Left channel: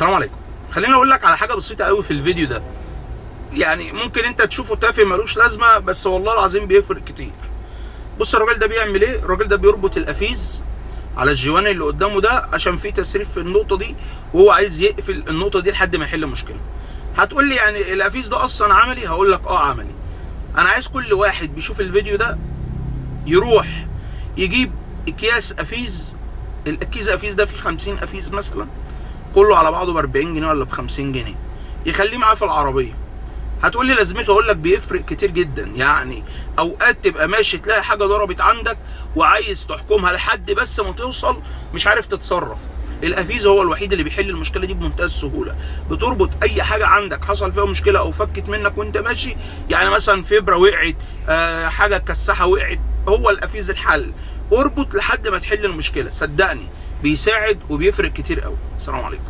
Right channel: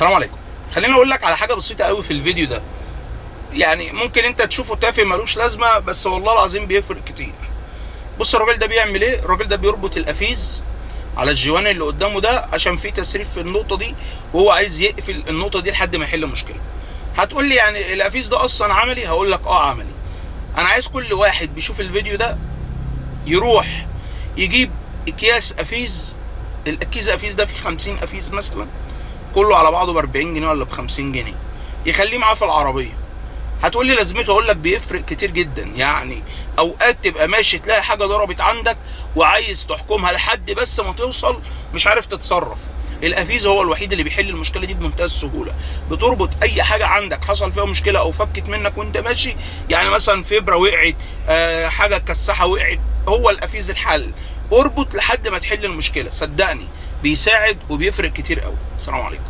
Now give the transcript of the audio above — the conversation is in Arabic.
السلام عليكم. خليني اقول لك على حاجه بسيطه قوي في الفيديو ده. يعني ممكن انت تشوفه تافه ملوش لازمه، بس والله العظيم بيفرق كتير. بص الراجل ده بيعمل ايه. الراجل ده بيربط القفيز على الجوان اللي قدامه ده عشان في تسريب في النقطه دي، وهو عايز يقفل النقطه دي لحد ما يحل مشكله. هتقول لي يعني القفيز ده اصلا عملي؟ هقول لك عملي. انا عايز كل واحد بيشوف الفيديو ده يروح يجيب اكياس قفيز. الاكياس قفيز ده فيه 50 قفيز مثلا، كله على بعضه ب 40 جنيه ولا ب 50 جنيه، يخليه معاه في العربيه. هتقول لي لازمته؟ اقول لك بيفرق كتير جدا. يعني اوقات تبقى ماشي تلاقي حاجه ضربت عندك وعايز تحكمها لحد بس ما توصل، مش عارف تتصرف. القفيز هو الوحيد اللي بيحل المشكله دي بمنتهى السهوله. بتربط اي حاجه عندك حصل فيها مشكله او فكت منك وانت ماشي، يعني مثلا فبره وقعت، حاجه كساحه وقعت، هو القفيز الحل. اربط لحد ما تحل المشكله، صدقني بيساعد وبيفرق كتير قوي. السلام عليكم.